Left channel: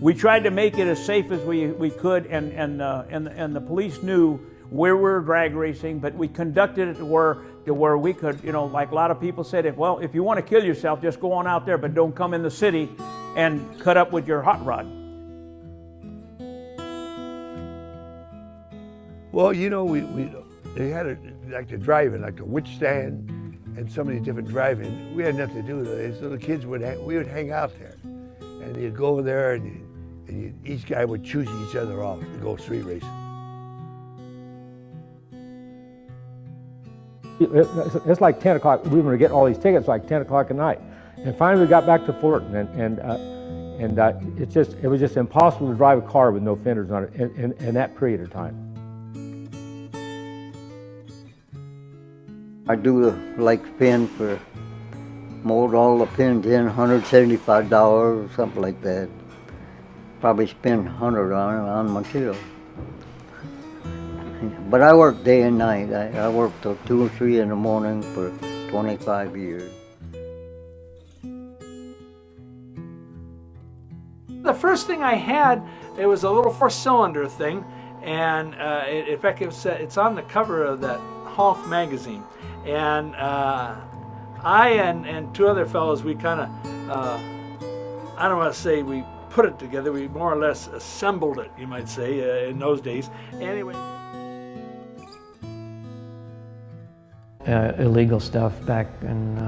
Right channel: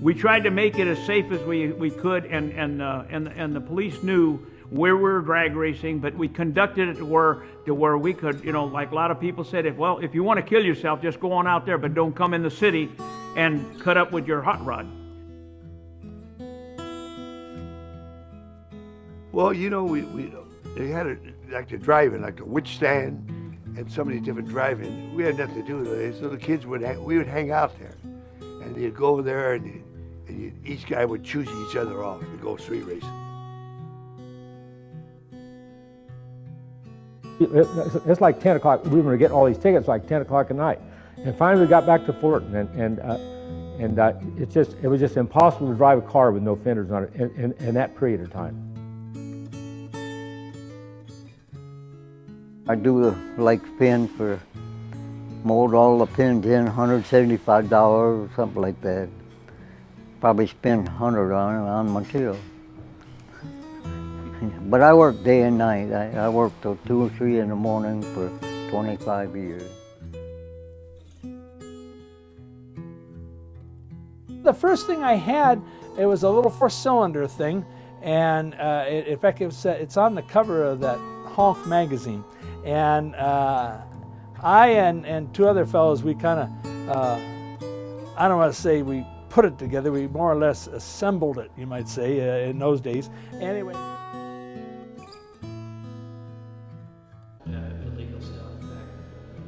We tried to make it as safe as we could, and the police knew where we were drag racing, but we conducted it to where we could, you know, like a lot of people said, if you want to kill yourself, just go on out there, but don't come in the city and cut up with your hot rod. Well, you know, they had like the driving, like the witch stand, and so many different driving. We had nothing to do with it. So the kids we would hang out there, and they'd go over there, and each guy would choose each other off to go street racing. It's like 10 o'clock. We were getting all these tickets like 10 o'clock at night, and finally we got back to Fullerton, and it was just impossible to drive a car with no fenders on it in that period of time. I do the lake pin for mowed all the pins in, $175 or something like that. Probably spend $100 on material. But I work day and night. I work till 2 or 3 in the morning for 25 years. The first thing I had, it was a little 4-cylinder thing, and in fact it's on the cover of that Honk magazine. And I and 2 other fellows, we kind of, I don't want to say we put it together, we more or less assembled it, you might say, in those days. Anyway. Illegal stuff back in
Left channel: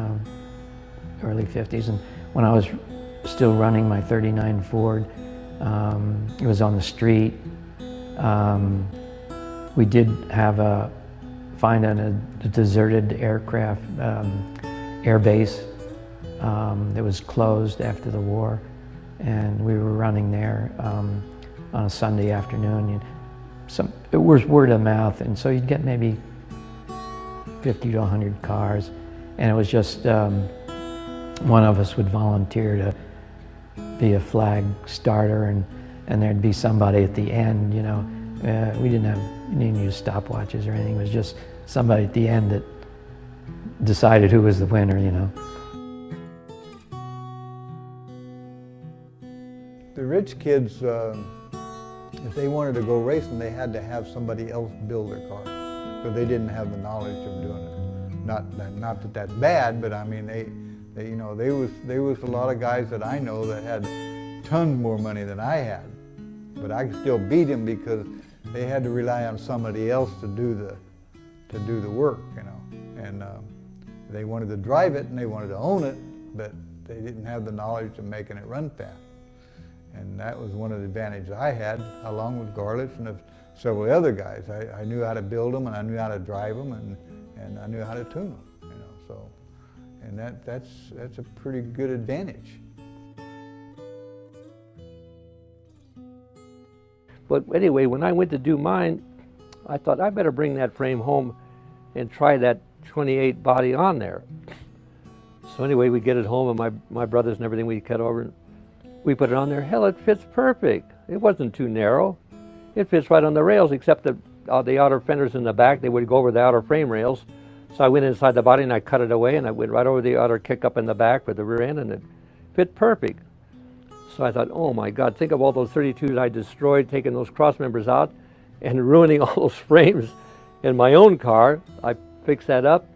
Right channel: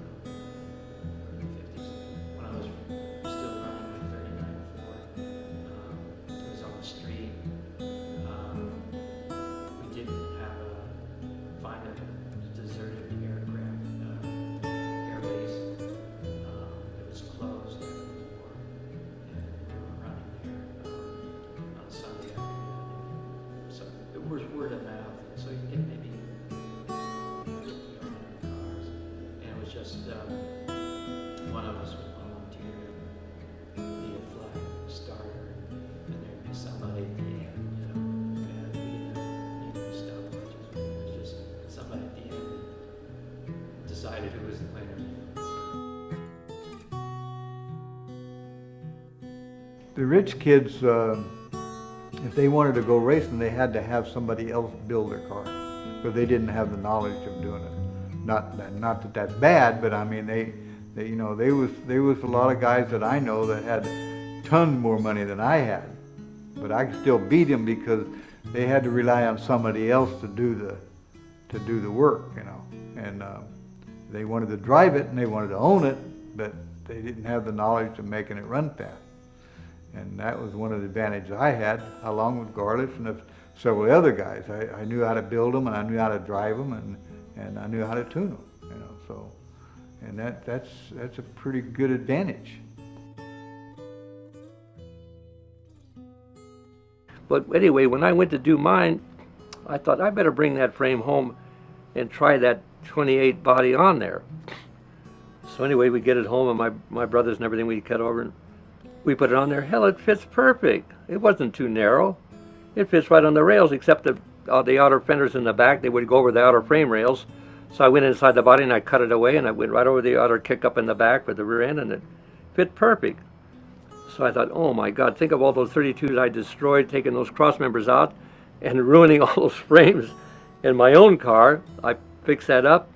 early 50s, and when I was still running my 39 Ford, it was on the street. We did have find a deserted aircraft air base that was closed after the war, and we were running there on a Sunday afternoon. It was word of mouth, and so you'd get maybe 50 to 100 cars, and it was just one of us would volunteer to be a flag starter, and there'd be somebody at the end, you know. We didn't use stopwatches or anything. It was just somebody at the end that decided who was the winner, you know. The rich kids, if they wanted to go racing, they had to have somebody else build their car, but they didn't have the knowledge of doing it. Not that that's bad, but I mean, you know, there was a lot of guys that I know that had tons more money than I had, but I could still beat them because they had to rely on somebody else to do the work, you know. And they wanted to drive it and they wanted to own it, but they didn't have the knowledge of making it run fast. And that was one of the advantages I had, along with Garlish and several other guys. I knew how to build them, and I knew how to drive them, and I knew how to tune them, you know. So, and that's a pretty good advantage. But anyway, when I went to do mine, I thought I better bring that frame home and try that 28 body on there. So anyway, we get it home, and my brothers and everything, we cut over, and we put it on there. Hell, it fits perfect. It wasn't too narrow. It fits right on the rails, except the outer fenders in the back, they would go over the outer frame rails. So I went inside the body and I cut it away, and I went right over the outer kick up in the back for the rear end, and it fit perfect. So I thought, oh my God, think of all those 32s I destroyed, taking those cross members out and ruining all those frames in my own car. I fixed that up.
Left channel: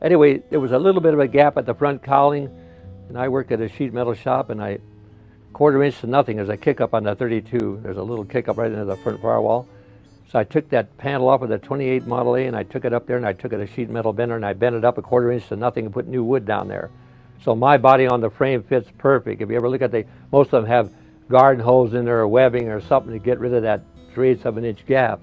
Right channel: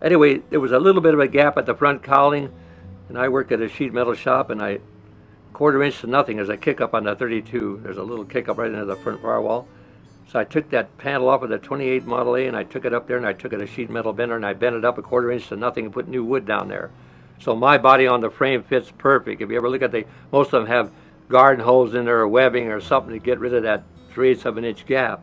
Anyway, there was a little bit of a gap at the front cowling, and I worked at a sheet metal shop, and I 1/4 inch to nothing. There's a kick up on the 32. There's a little kick up right into the front firewall. So I took that panel off of the 28 Model A, and I took it up there, and I took it a sheet metal bender, and I bent it up 1/4 inch to nothing and put new wood down there. So my body on the frame fits perfect. If you ever look at most of them have garden hose in there or webbing or something to get rid of that 3/8 of an inch gap.